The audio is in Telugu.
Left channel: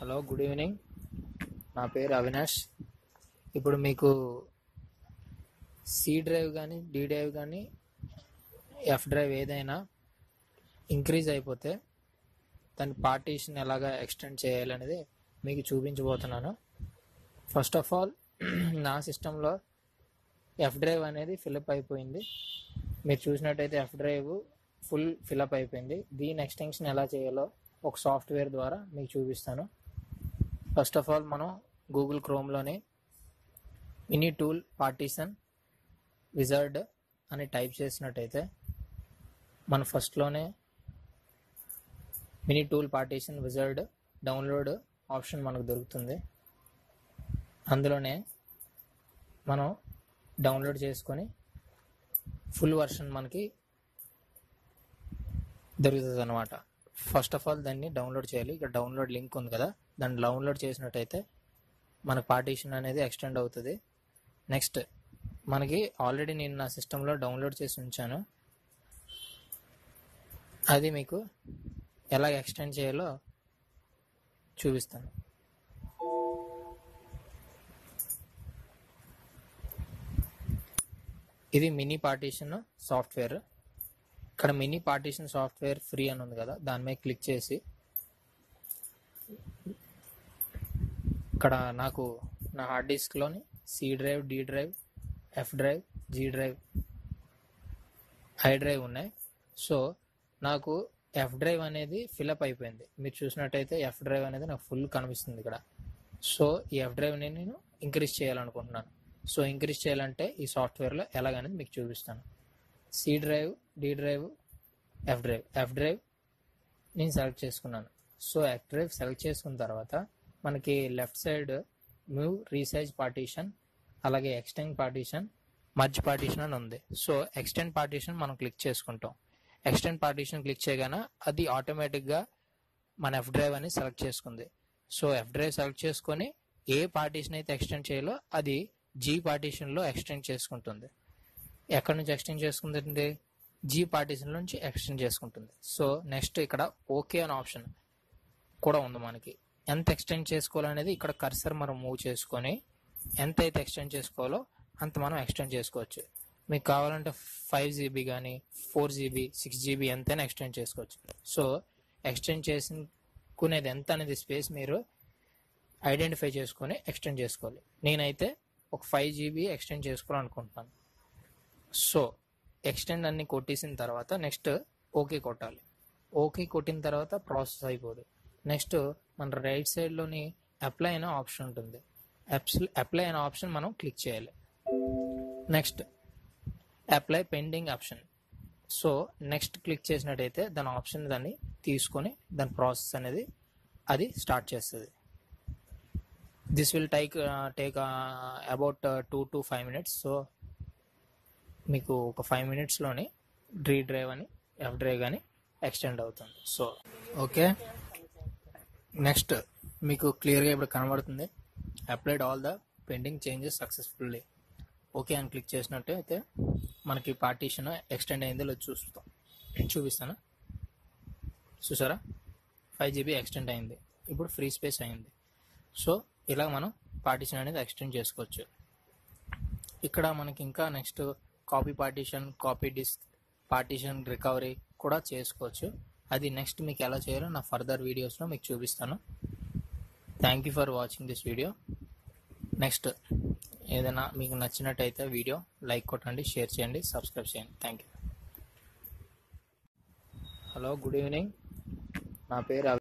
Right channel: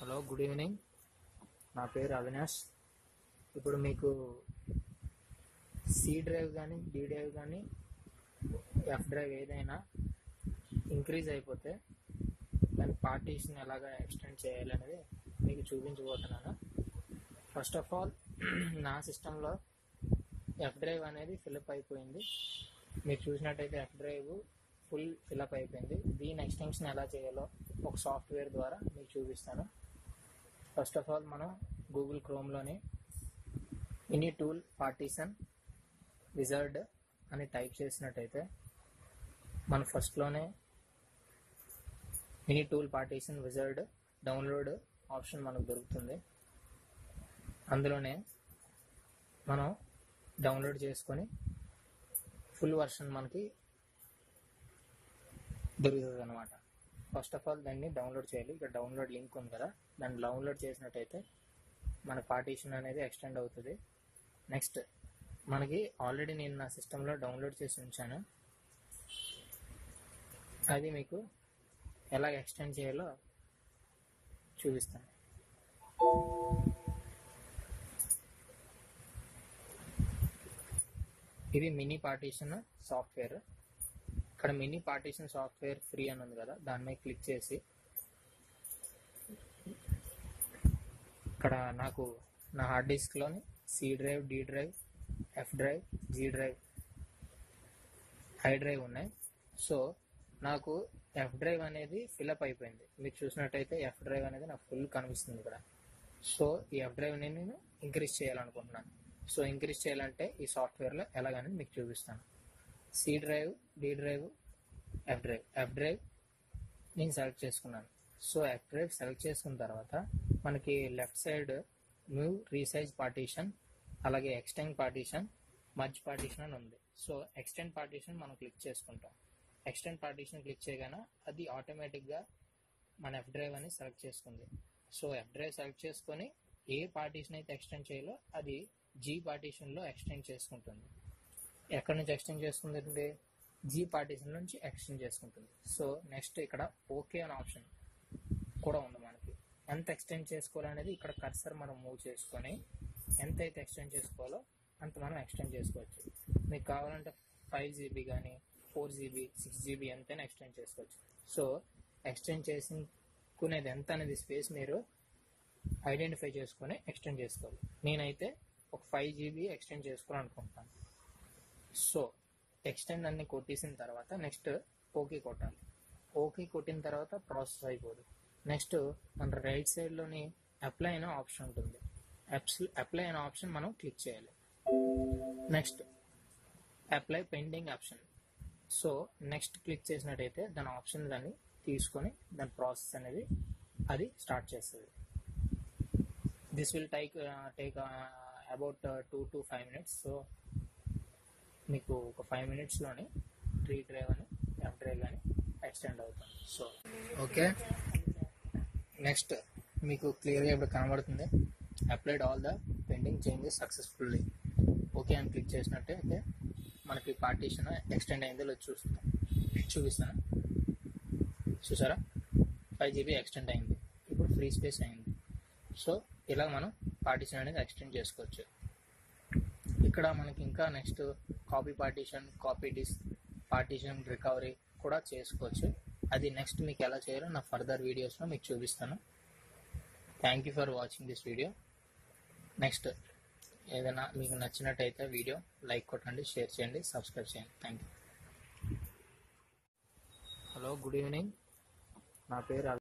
Hello, good evening. నా పేరు అవినాష్. ఇప్పుడు మీకు సి డ్రైవ్ కానీ డి డ్రైవ్ కానీ ఎఫ్ డ్రైవ్ ఏదైనా ఇంక్రీజ్ అయిపోతే దాని పార్టీషన్ ఎలాగా ఎక్స్టెండ్ చేయాలనేది మీకు చూపించబోతున్నాను. ఫస్ట్ ఆఫ్ ఆల్ నా సిస్టంలో ఎఫ్ డ్రైవ్ అనేది ఫిలప్ అయిపోయింది. మీరు చూసినట్టయితే ఎఫ్ డ్రైవ్ ఫుల్ ఫిలప్ అయిపోయింది. దీని ఎక్స్టెన్షన్ ఎలా చేయాలో ఒక సాఫ్ట్వేర్ ద్వారా మీకు చూపిస్తాను. ఫస్ట్ ఆఫ్ ఆల్ మనం గూగుల్ క్రోమ్లోని మినీ టూల్ పార్టీషన్ విజార్డ్ అని టైప్ చేసినట్టయితే మన ఫస్ట్లోనే mini tool partition wizard download option మనకు దొరుకుతుంది. అందులోనే మనం డౌన్లోడ్ చేసుకొని ఫుల్ వర్షన్ మనకి దొరుకుతుంది అనమాట. ఫస్ట్ ఆఫ్ ఆల్ దాన్ని డౌన్లోడ్ చేయాలి. ఇక్కడ డౌన్లోడ్ లింక్ ఉంది కదా, దాన్ని డౌన్లోడ్ చేసినట్టయితే మనకు పార్టీషన్ అనేది ఎక్స్టెండ్ అవుతుంది. నెక్స్ట్ మనకి ఆల్రెడీ నేను నా సిస్టంలో డౌన్లోడ్ చేసి ఉంచాను. అది మీకు ఎలా ఎక్స్టెండ్ చేయాలో చూపిస్తాను. ఇది మినీ పార్టీషన్ సాఫ్ట్వేర్. ఇక్కడ మినీ పార్టీషన్ సాఫ్ట్వేర్ ఫ్రీ అని ఉంది కదా, దాని మీద క్లిక్ చేసి ఇక్కడ నాకు నా హార్డ్ డిస్క్లోని C drive, D drive, F drive, G drive, I drive ఉన్నాయి. సో నాకు ఎఫ్ డ్రైవ్ అనేది ఫిలప్ అయిపోయింది. మీరు చూసినట్టయితే ఎఫ్ డ్రైవ్ అనేది నాకు ఫుల్ కనిపిస్తుంది ఇక్కడ. సో ఈ ఎఫ్ డ్రైవ్ని నేను ఇంక్రీజ్ చేయాలనుకుంటున్నాను. సో ఇంక్రీజ్ చేయాలంటే ఈ సాఫ్ట్వేర్లో ఎలాగనేది మీకు చూపిస్తాను. C drive, D drive, F drive నేను సెలెక్ట్ చేసుకున్నాను. సో ఎఫ్ డ్రైవ్ సెలెక్ట్ చేసుకున్న తర్వాత మనకి left side move, resize partition, అలాగే ఎక్స్టెండ్ పార్టీషన్, మర్జ్ పార్టీషన్ అని ఉంది. సో ఎక్స్టెండ్ పార్టీషన్ మనం క్లిక్ చేసుకుంటాం. ఎక్స్టెండ్ పార్టీషన్ క్లిక్ చేయగానే అది ఆటోమేటిక్గా మన ఎఫ్ డ్రైవ్ అని సెలెక్ట్ చేసుకుంది. సో ఎఫ్ డ్రైవ్ సెలెక్ట్ చేసుకొని ఏ పార్టీషన్ అయితే ఎక్స్టెండ్ చేయాలో అది జీ పార్టీషన్లో ఎక్స్టెండ్ చేసుకుంటుంది. ఎక్కడి నుంచి ఎక్స్టెండ్ చేసుకుంటుంది? జీ పార్టీషన్ నుంచి ఎక్స్టెండ్ చేసుకుంటుంది. సో నెక్స్ట్ ఇక్కడ ఓకే అనే ఆప్షన్ కూడా ఉంది. మనకి ఎంత ఎక్స్టెండ్ చేసుకోవాలనేది ఇక్కడ కర్సర్ మనం మూవ్ చేసుకొని ఎంత అయితే ఎక్స్టెండ్ చేసుకోవాలో అంత మనం ఎక్స్టెండ్ చేసుకోవచ్చు. మీకు కావాలంటే 5 GB కానీ 4 GB, 6 GB ఎంతైనా ఎక్స్టెండ్ చేసుకోవచ్చు. సో ఎక్స్టెండ్ చేసుకునేది ఎంత అనేది స్పేస్ మీరు ఐడెంటిఫై చేసుకొని ఎక్స్టెండ్ చేసుకోవాలి. నేనైతే ఒక 5 GB ఎక్స్టెండ్ చేసుకోవాలనుకుంటున్నాను. సో ఎక్స్టెండ్ అన్ని కొట్టేసిన తర్వాత నెక్స్ట్ ఓకే కొట్టాలి. ఓకే కొట్టిన తర్వాత ప్రాసెస్ అయిపోదు. నెక్స్ట్ మన రైట్ సైడ్లోని అప్లై అనే ఆప్షన్ ఉంటుంది. అప్లై అనే ఆప్షన్ మనం క్లిక్ చేయాలి. Next apply pending option. So next click చేసినట్టయితే దాని ఆప్షన్ దాన్ని తీసుకొని దాని ప్రాసెస్ అనేది అది స్టార్ట్ చేస్తుంది. This will take about 2 to 5 minutes. So మీకు ఒక 5 minutesలోని డి డ్రైవ్ అని ఎఫ్ డ్రైవ్ కానీ ఎక్స్టెండ్ అవుతుంది. సో ఓకే, నెక్స్ట్ మీకు క్లియర్గా ఇప్పుడు కనబడుతుంది. Applied all the pending changes successfully. Okay అని క్లిక్ చేసినట్టయితే మనకి పార్టీషన్ ఎక్స్టెండ్ అయిందో చూపిస్తాను. చూసారా, 5 GB ఎక్స్టెండ్ అయింది. ఇప్పుడు ఫ్రీ స్పేస్ అయింది. సో ఇలా మనం పార్టీషన్ అనేది ఎక్స్టెండ్ చేసుకోవచ్చు. ఇక్కడ మనకి ఇంకా next copy partition, copy disk partition, recovery కూడా చేసుకోవచ్చు. అది నెక్స్ట్ మీకు ఎలా చేయాలో నా ఫర్దర్ వీడియోస్లో మీకు చూపిస్తాను. Thank you for watching this video. Next ఏదైనా మీకు నచ్చినట్టయితే వీడియో లైక్ కొట్టండి, షేర్ చేయండి, సబ్స్క్రైబ్ చేయండి. Thank you. Hello, good evening. నా పేరు